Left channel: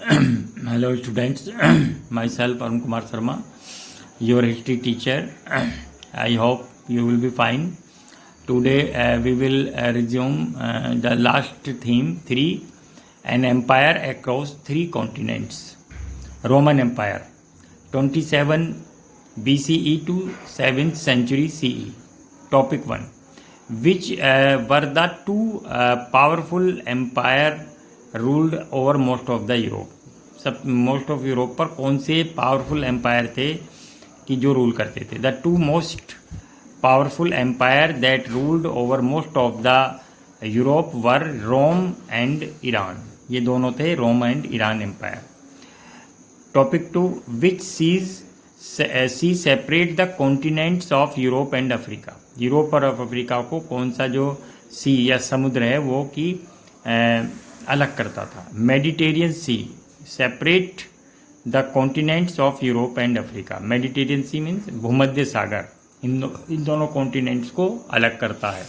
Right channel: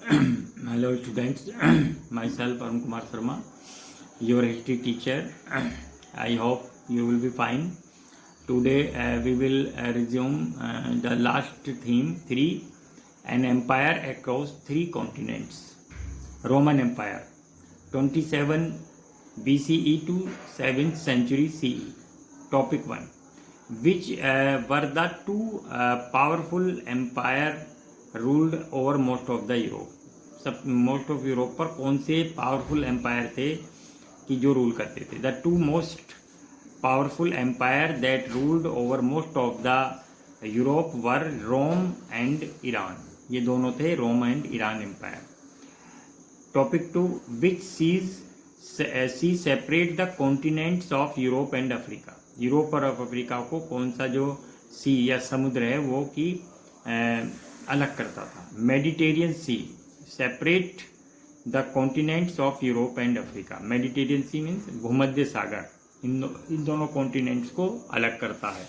Hello students, myself Arun Kumar Sharma, your history teacher. I hope you will be fine. Today we will resume the last theme 3, an empire across 3 continents. Roman Empire, 27 BCE to 7th century CE. Topic 1. Which were the two powerful empire ruled over most of the Europe. सब most of Europe पर कौन से powerful empire थे कि जो rule करते थे. The two most powerful empire that ruled over most of the Europe were Rome and Iran. ये दोनों थे, Rome and Iran empire. Topic 2. Which sea separate the continents of Europe and Africa. Europe और Africa को कौन सा जो सी या समुद्र है वो कि अलग करता था. Mediterranean sea separate the continents of Europe and Africa. Mediterranean sea means भूमध्य सागर इन दोनों कॉन्टिनेंट्स को अलग करता है.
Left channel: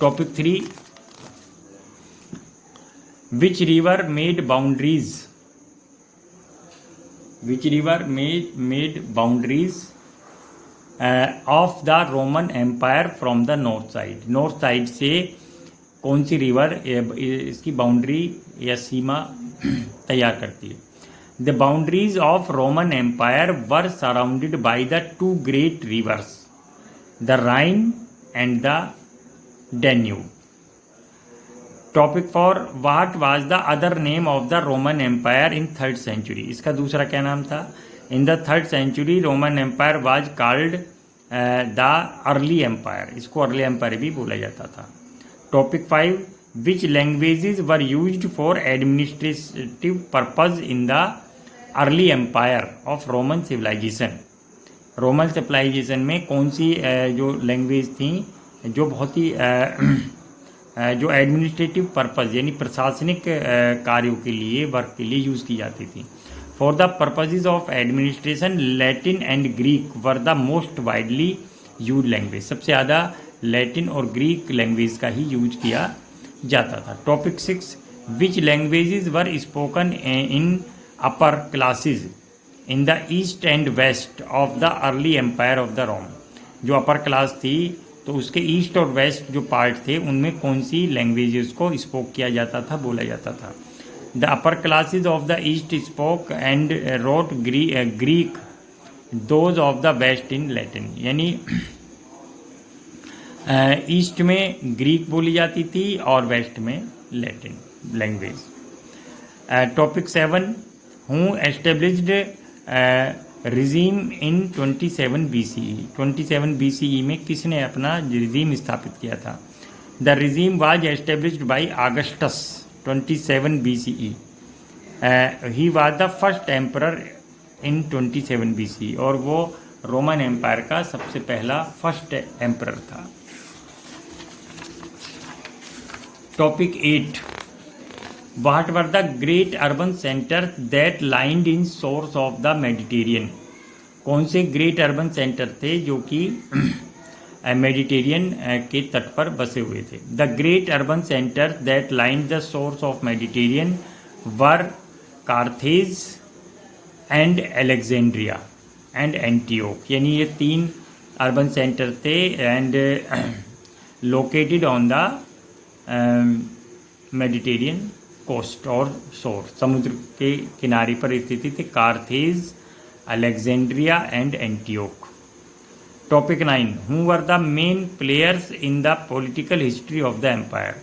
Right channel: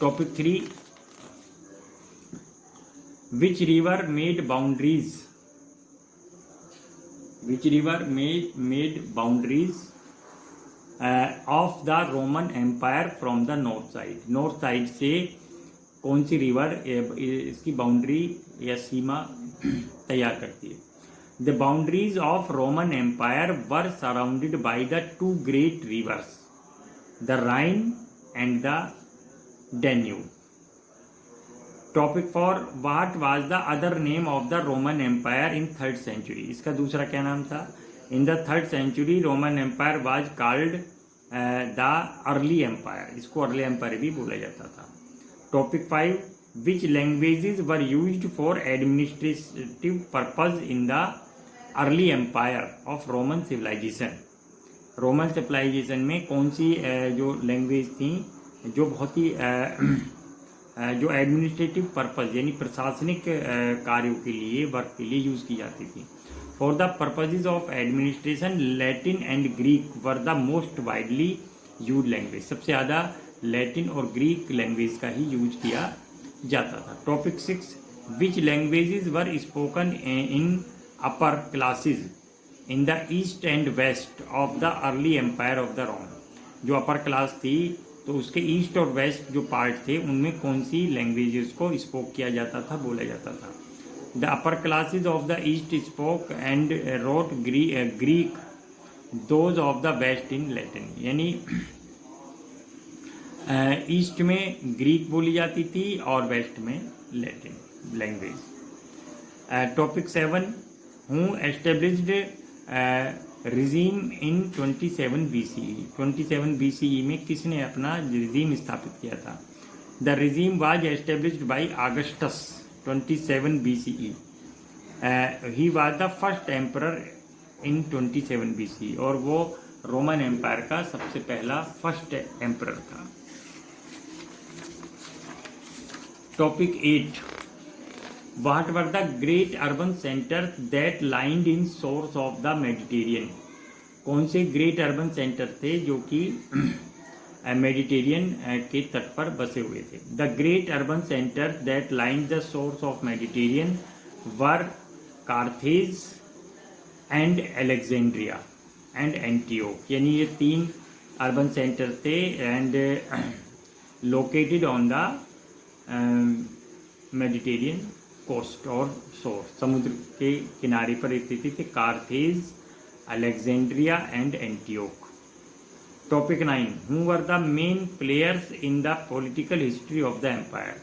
Topic 3. Which river made boundaries. Which river made boundaries of the Roman empire from the north side. North side से कौन सी रिवर इसकी बाउंड्री या सीमा तैयार करती है. The boundaries of Roman empire were surrounded by the two great rivers, the Rhine and the Danube. Topic 4. What was the other name of the Roman empire in 3rd century. इसका दूसरा क्या नाम था. In the 3rd century Roman empire was called the early empire. इसको early empire भी बोला जाता था. Topic 5. Which languages were used for administrative purpose in the early empire of Roman civilization. Roman civilization में कौन सी जो लैंग्वेज थी जो बहुत ही जो एडमिनिस्ट्रेटिव पर्पज यानी प्रशासनिक कार्यों के लिए वर्क के लिए यूज़ की जाती थी. For the purposes of administration Latin and Greek were the most widely use language. सबसे ज़्यादा लैटिन और ग्रीक लैंग्वेज का ही यूज किया जाता था. Topic 6. Which languages were spoken in upper classes in the east and west of the early empire of the Rome. जो upper class थी तो उसके ईस्ट और वेस्ट जो पार्ट थे उनमें कौन सी लैंग्वेजेस को स्पोक किया जाता था, बोला जाता था. The upper classes of the east spoke and wrote Greek, those of the west in Latin. यानी ईस्ट में ग्रीक बोली जाती थी और वेस्ट में Latin language. Topic 7. Who established regime in 27 BCE. 27 BCE में किसने अपना रिजीम स्थापित किया था. The regime was established by Augustus 27 BCE. He was the first emperor in 27 BCE और वो रोमन एम्पायर का सबसे पहला फर्स्ट एम्परर था. Topic 8. What were the great urban center that lined in source of the Mediterranean. कौन से great urban center थे जो कि मेडिटेरियन के तट पर बसे हुए थे. The great urban center that lined the source of Mediterranean were Carthage and Alexandria and Antioch. यानी ये 3 अर्बन सेंटर थे and located on the Mediterranean coast और शोर. समुद्र के किनारे पर स्थित थे. Carthage, Alexandria and Antioch. Topic 9. Who were the main players in the political history of the empire.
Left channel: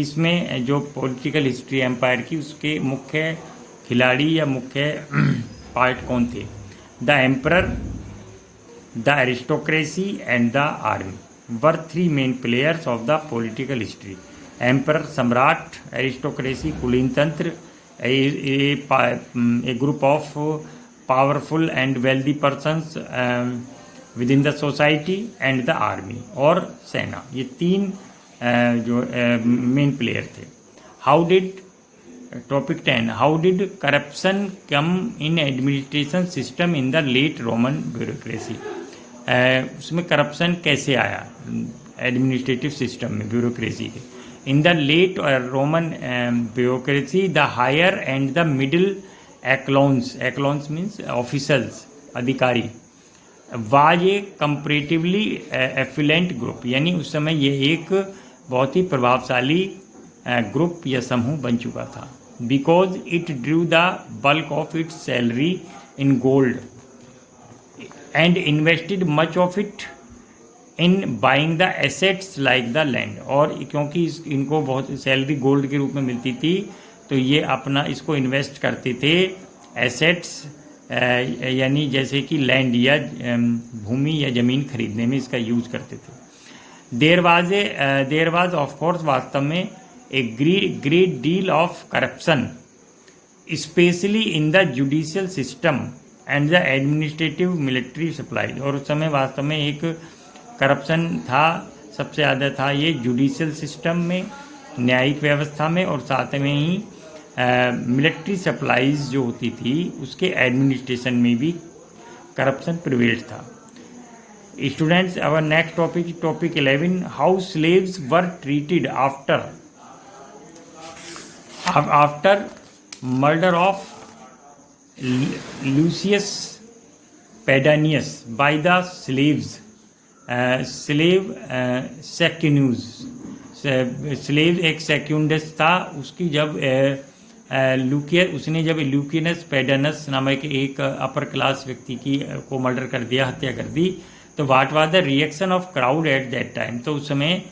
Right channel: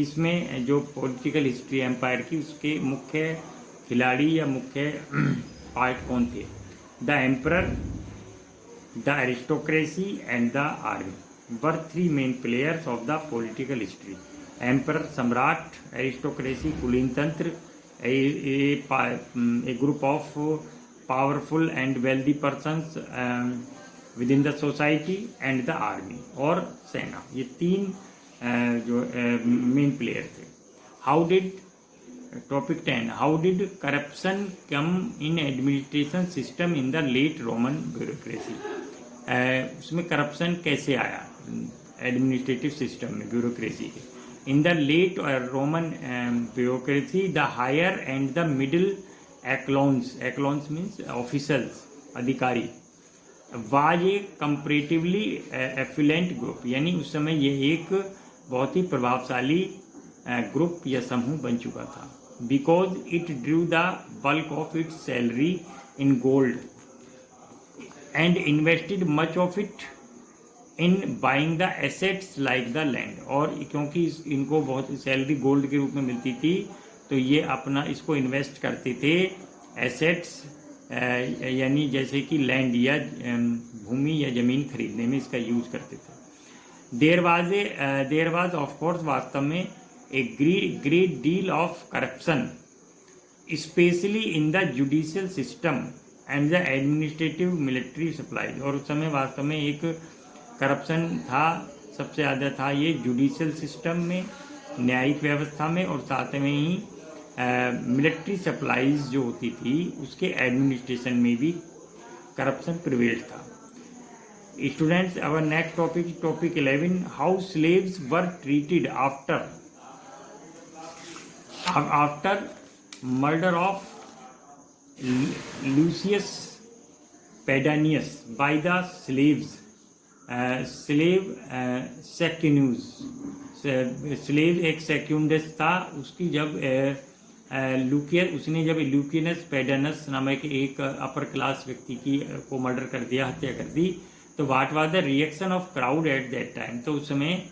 इसमें जो पॉलिटिकल हिस्ट्री एम्पायर की उसके मुख्य खिलाड़ी या मुख्य पार्ट कौन थे. The emperor, the aristocracy and the army were 3 main players of the political history. Emperor सम्राट, एरिस्टोक्रेसी कुलीन तंत्र, a group of powerful and wealthy persons within the society and the army और सेना. ये 3 जो main player थे. How did. Topic 10. How did corruption come in administration system in the late Roman bureaucracy. उसमें corruption कैसे आया administrative system में, bureaucracy के. In the late Roman bureaucracy, the higher and the middle echelons means officials, अधिकारी, was a comparatively affluent group, यानी उस समय ये एक बहुत ही प्रभावशाली ग्रुप या समूह बन चुका था. Because it drew the bulk of its salary in gold and invested much of it in buying the assets like the land. और क्योंकि इनको बहुत सैलरी गोल्ड के रूप में मिलती थी तो ये अपना इसको इन्वेस्ट करते थे एसेट्स, यानी जैसे कि लैंड या भूमि या ज़मीन खरीदने में इसका यूज करते थे. देयर वाज ऑफ कोर्स वास्तव में a great deal of corruption specially in the judicial system and the administrative military supply. और उस समय वास्तव में एक करप्शन था, सबसे ज़्यादा था ये जुडिशियल सिस्टम में, न्यायिक व्यवस्था में, और साथ में ही मिलिट्री सप्लाईज जो होती थी उसके एडमिनिस्ट्रेशन में भी करप्शन प्रिवेल्ड था. Students, our next topic 11, how slaves were treated after murder of Lucius Pedanius by the slaves. Slave Secundus, slave एक सेक्यूंडस था, उसकी जब उसने जब ल्यूकियनस पेडानस नामक एक अपर क्लास व्यक्ति को मर्डर कर दिया, हत्या कर दी, तो what was the reaction of crowd at that time. तो उस समय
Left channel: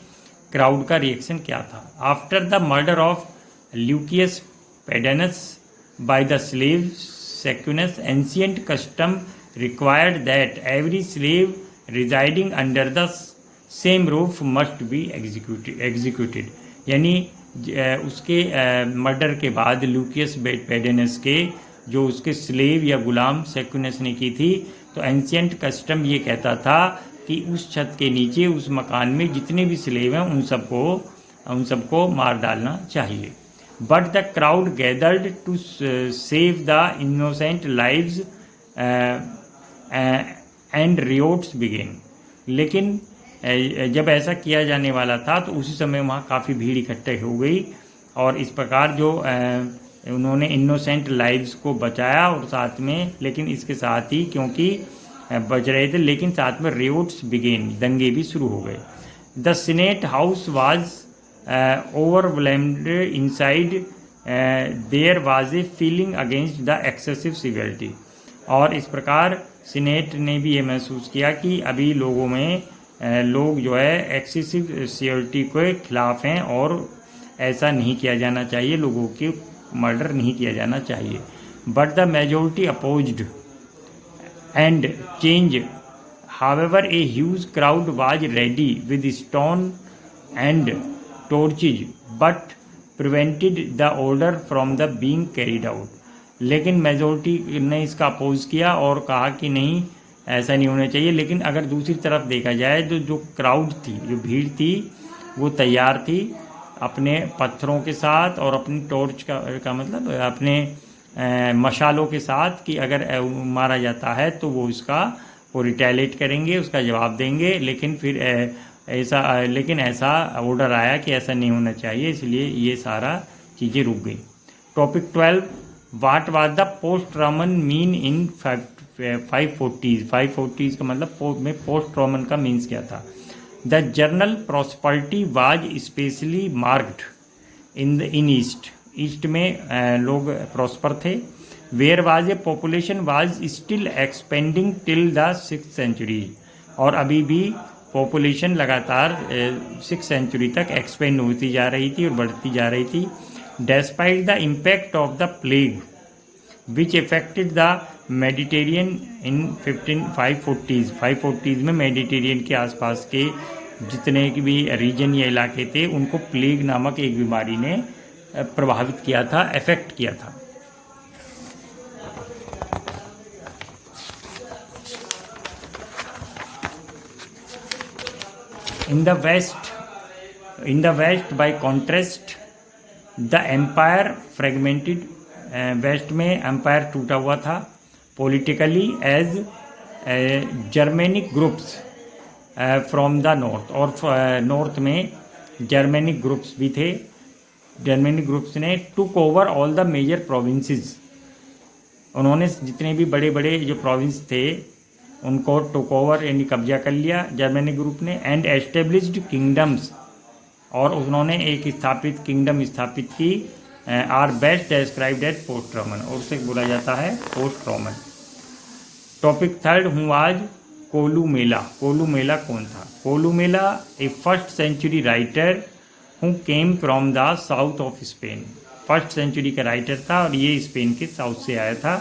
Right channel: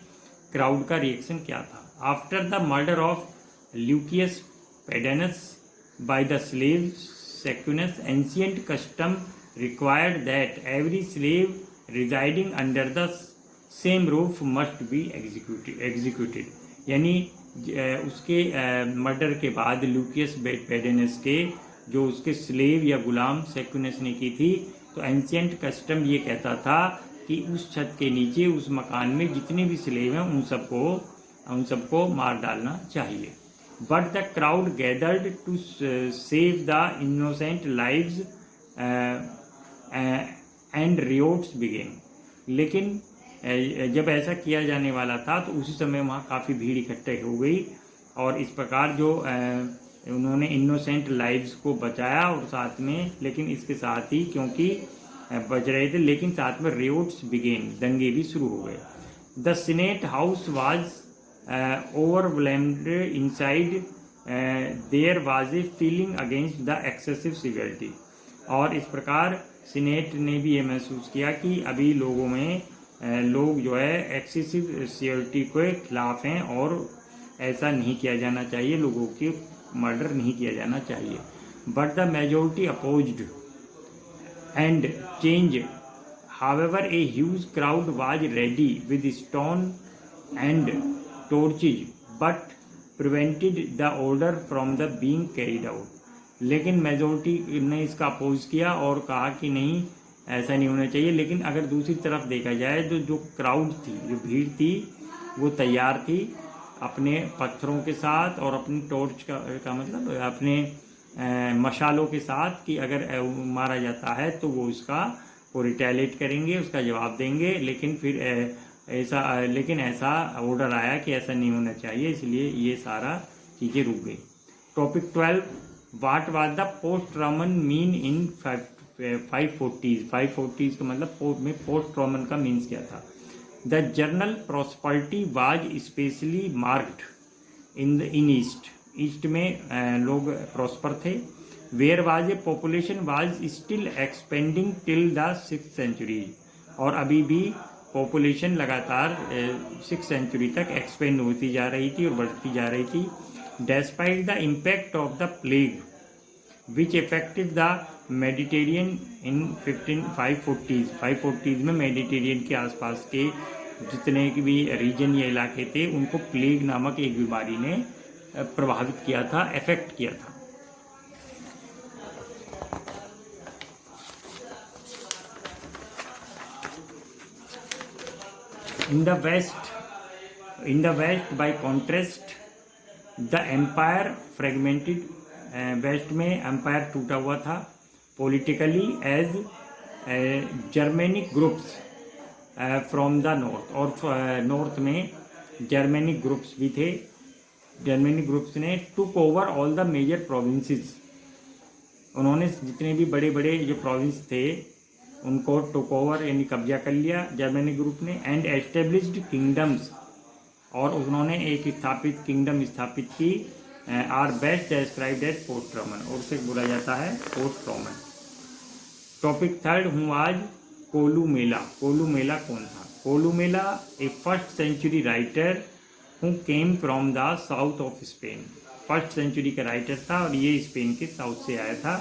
क्राउड का रिएक्शन क्या था. After the murder of Lucius Pedanius by the slave Secundus, ancient custom required that every slave residing under the same roof must be executed. यानी उसके murder के बाद लूकियस पेडेनस के जो उसके स्लेव या गुलाम सेक्यूनस ने की थी, तो एंशियंट कस्टम ये कहता था कि उस छत के नीचे उस मकान में जितने भी स्लेव हैं उन सबको मार डालना चाहिए. But the crowd gathered to save the innocent lives and riots began. लेकिन जब ऐसा किया जाने वाला था तो उसी समय वहाँ काफ़ी भीड़ इकट्ठे हो गई, और इस प्रकार जो उन्होंने इनोसेंट लाइव्स को बचाया, और साथ में लेकिन इसके साथ ही क्योंकि बच रहे थे लेकिन साथ में रियोट्स बिगेन, दंगे भी शुरू हो गए. The senate house was overwhelmed inside, there was a feeling against the excessive severity. और इस प्रकार सीनेट ने भी ये महसूस किया कि अभी लोगों में लोग जो है एक्सेसिव सिवियरिटी के खिलाफ हैं और ऐसा नहीं किया जाना चाहिए, लोगों के मर्डर नहीं किया जाना चाहिए. But the majority opposed and change. However a huge crowd was ready with stone and torches but prevented the order from the being carried out. लेकिन मेजॉरिटी ने इसका अपोज किया और कहा कि नहीं, ऐसा नहीं होना चाहिए. लेकिन अगर दूसरी तरफ देखा जाए तो जो क्राउड थी, जो भीड़ थी, वो तैयार थी अपने पत्थरों के साथ और अपनी टॉर्च का मतलब अपने मशालों के साथ कि अगर मारा जाता है तो वो रिटेलिएट करेंगे, उसका जवाब देंगे. लेकिन फिर ऐसा ऑर्डर आया कि ऐसा नहीं होना चाहिए, इसलिए ये सारा चीज़ें रुक गई. Topic 12, what was the post Roman mean in 540s. 540s का मतलब में पोस्ट रोमन का मीन्स क्या था. The general prosperity was specially marked in east में लोग प्रॉस्पर थे. Where was a population was still expanding till the 6th century. और अभी भी पॉपुलेशन लगातार 6th सेंचुरी तक एक्सपेंड होती जा रही थी और बढ़ती जा रही थी. Despite the impact of the plague, which affected the Mediterranean in 540s. 540s में मेडिटेरियन के आसपास के जितने भी रीजन या इलाके थे उनको प्लेग नामक एक बीमारी ने प्रभावित किया था, अफेक्ट किया था. In the West, by contrast, the empire fragmented. West में एम्पायर टूटा हुआ था politically as Germanic groups from the north. और नॉर्थ में जर्मेनिक ग्रुप्स भी थे। जर्मेनिक ग्रुप्स ने took over all the major provinces, उन्होंने जितने भी बड़े बड़े जो प्रोविंस थे उनको टुक ओवर यानी कब्जा कर लिया जर्मेनिक ग्रुप ने। एंड एस्टेब्लिश्ड किंगडम्स, और उन्होंने एक स्थापित किंगडम स्थापित की। Are best described as post Roman, और उसे बोला जाता है पोस्ट रोमन। टॉपिक थर्ड, हूँ आज कोलुमेला। कोलुमेला कौन था? Columella a first century writer who came from the south of Spain. First century का राइटर था और ये स्पेन के साउथ से आया था।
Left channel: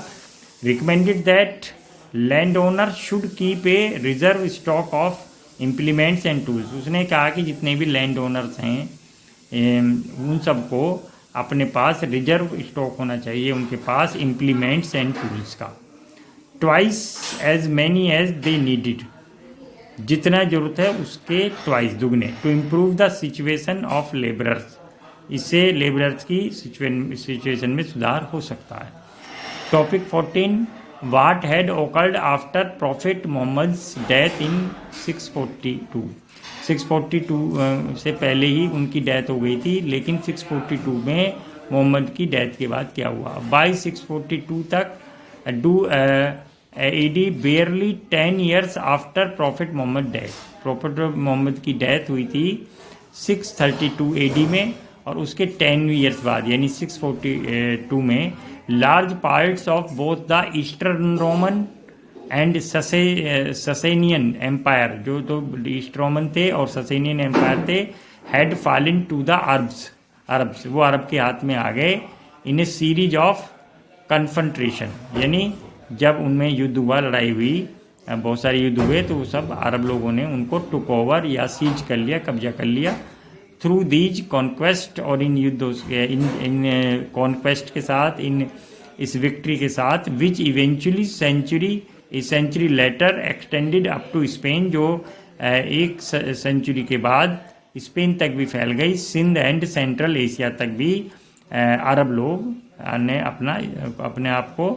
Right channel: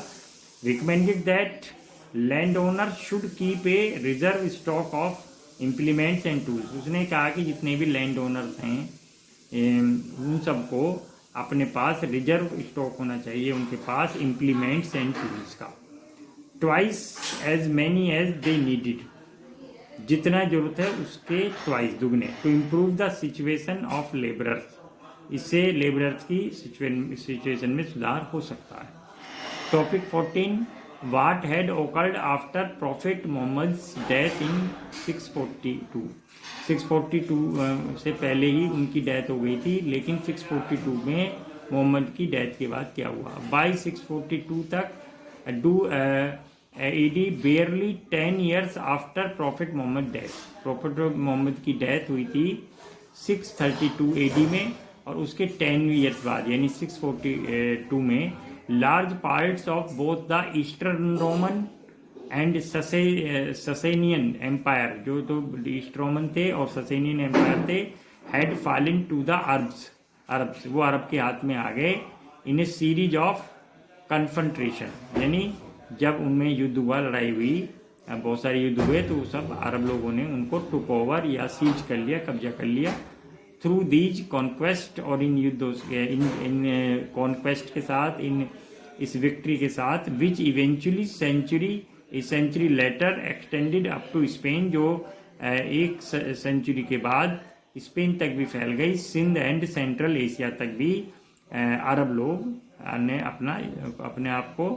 Recommended that land owner should keep a reserve stock of implements and tools. उसने कहा कि जितने भी लैंड ओनर्स हैं उन सबको अपने पास रिजर्व स्टॉक होना चाहिए उनके पास इम्प्लीमेंट्स एंड टूल्स का। Twice as many as they needed, जितना जरूरत है उसके ट्वाइस दुगने। To improve the situation of labourers, इससे लेबरर्स की सिचुएशन में सुधार हो सकता है। Topic 14, what had occurred after prophet Muhammad's death in 642। 642 से पहले ही उनकी डेथ हो गई थी, लेकिन 642 में मोहम्मद की डेथ के बाद क्या हुआ? बाई 642 तक do AD barely 10 years after prophet Muhammad death. Prophet Muhammad की डेथ हुई थी 632 AD में, और उसके 10 ईयर्स बाद यानी 642 में large parts of both the eastern Roman and Sasanian empire, जो तो ईस्ट रोमन थे और ससेनियन एम्पायर थे, had fallen to the Arabs, वो अरब के हाथ में आ गए। In a series of confrontation, यानी जब उनमें युद्ध हुआ, लड़ाई हुई, बहुत सारे युद्ध हुए, तो सब अरब लोगों ने उनको टुक ओवर या सीज कर लिया, कब्जा कर लिया। थ्रू दीज कॉन्क्वेस्ट, और इन युद्धों इन कॉन्क्वेस्ट के साथ, इन इस विक्ट्री के साथ, which eventually century later extended up to Spain, जो एक सेंचुरी के बाद स्पेन तक भी फैल गई। सिंध एंड सेंट्रल एशिया तक भी अरब लोग ने अपने आप को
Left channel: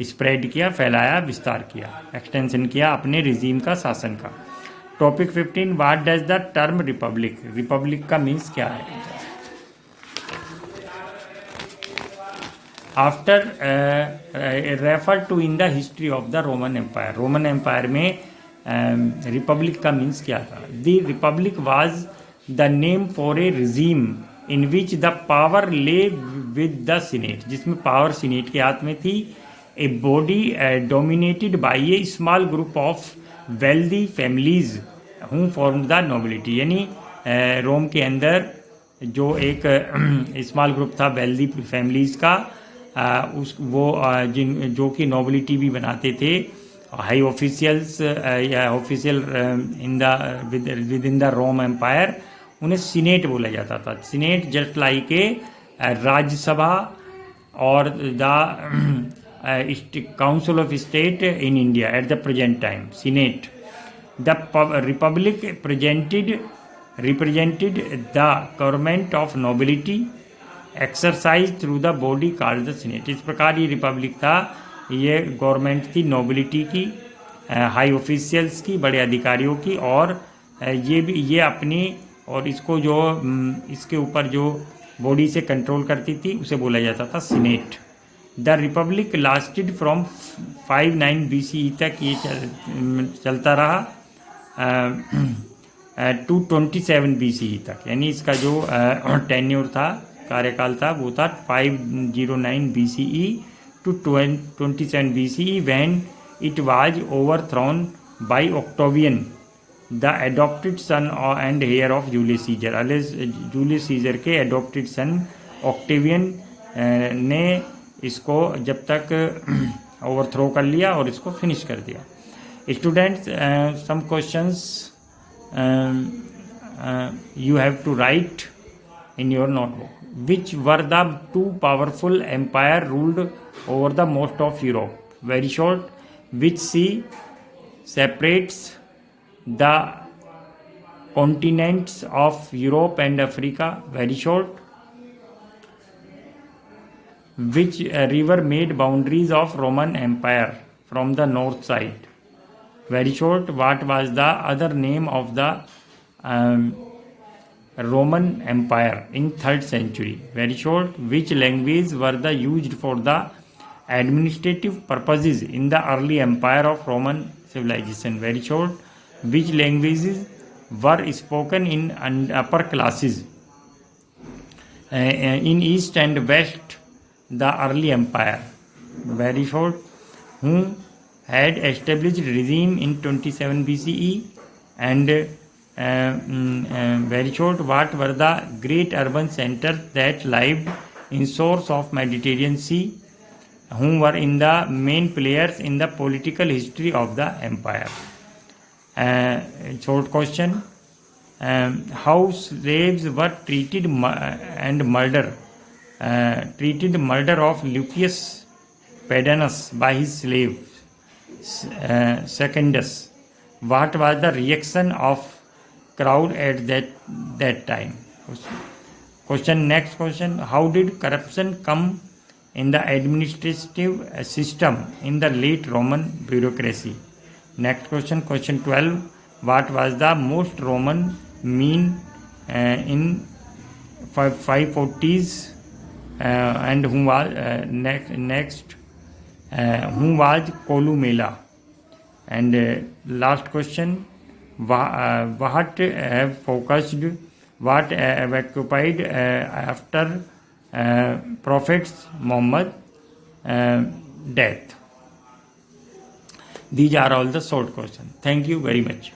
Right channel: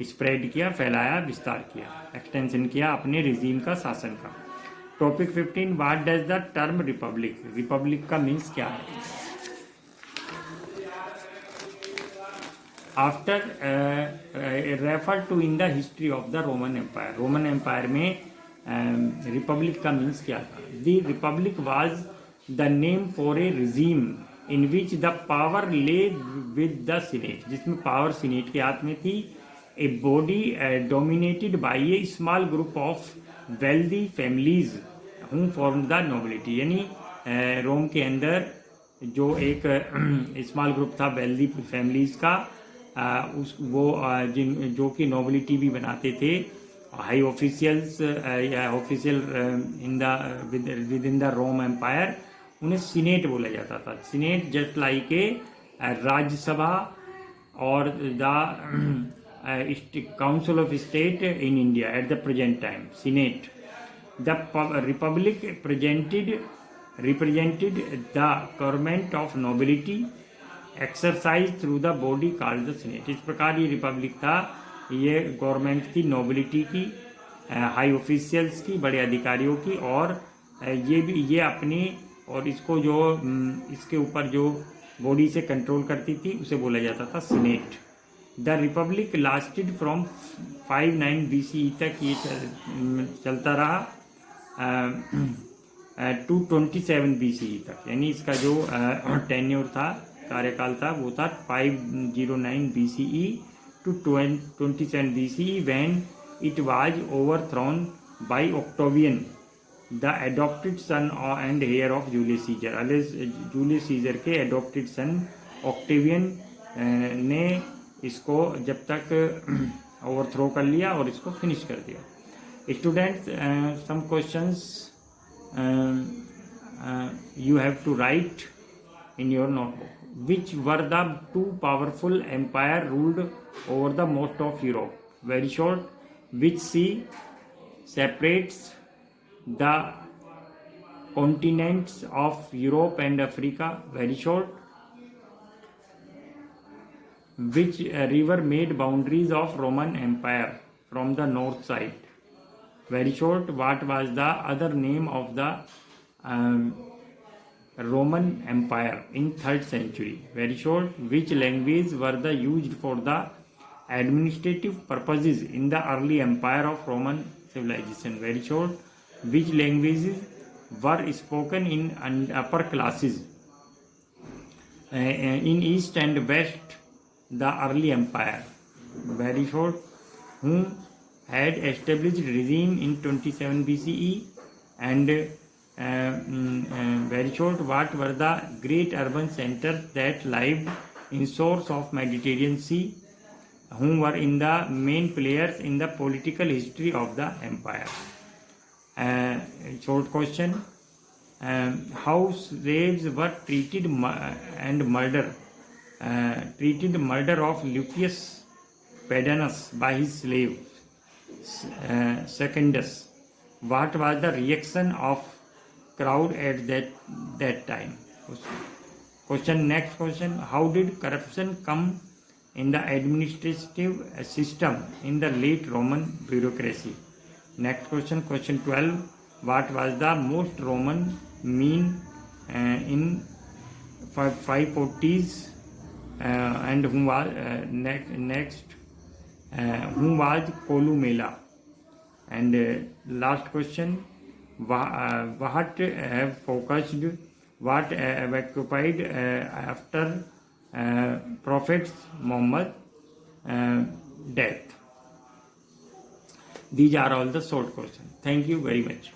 स्प्रेड किया, फैलाया, विस्तार किया, एक्सटेंशन किया अपने रिजीम का, शासन का। Topic 15, what does the term republic, republic का मीन्स क्या है? After refer to in the history of the Roman empire, Roman empire में रिपब्लिक का मीन्स क्या था? The republic was the name for a regime in which the power lay with the senate, जिसमें power senate के हाथ में थी। A body dominated by a small group of wealthy families who form the nobility, यानी रोम के अंदर जो एक स्मॉल ग्रुप था वेल्दी फैमिलीज का, जो कि नोबिलिटी भी बनाते थे। हाई ऑफिशियल्स या official in the with in the Rome empire, उन्हें सीनेट बोला जाता था। Senate just like a Rajya Sabha और the council of state in India at the present time, senate. The Republic represented the government of nobility exercised through the body called the senate। इस प्रकार ये Republic था, ये government थी nobility की, high officials की, बड़े अधिकारियों की, और ये अपनी, और इसको जो इसके ऊपर जो बॉडी से कंट्रोल करती थी उसे बोला जाता था senate. The Republic lasted from 59 BCE तक ये चलता रहा टू 27 BCE तक, यानी इसका जो टेन्योर था, कार्यकाल था, वो था 509 BCE to 27 BCE when it was overthrown by Octavian, the adopted son and heir of Julius Caesar। Julius Caesar के एडॉप्टेड सन ऑक्टेवियन ने इसको जब तक ओवरथ्रो कर लिया और इसको फिनिश कर दिया। Students, some questions you have to write in your notebook. Which were the two powerful empire ruled over the most of Europe? Very short. Which sea separates the continents of Europe and Africa? Very short. Which river made boundaries of Roman Empire from the north side? Very short. What was the other name of the Roman Empire in 3rd century? Very short. Which languages were the used for the administrative purposes in the early empire of Roman civilization? Very short. Which languages were spoken in upper classes in east and west the early empire? Very short. Who had established regime in 27 BCE? And very short, what were the great urban centers that lived in shores of Mediterranean Sea? Whom were in the main players in the political history of the empire? Short question. How slaves were treated and treated murder of Lucius Pedanus by his slave Secundus. What was the reaction of crowd at that time? Question. Next question. How did corruption come in the administrative system in the late Roman bureaucracy? Next question. Question 12. What was the most Roman mean in 540s? And whom was next? Whom was Columella? And last question. What have focused? What occupied after Prophet Muhammad death? These are all the short questions. Thank you very much.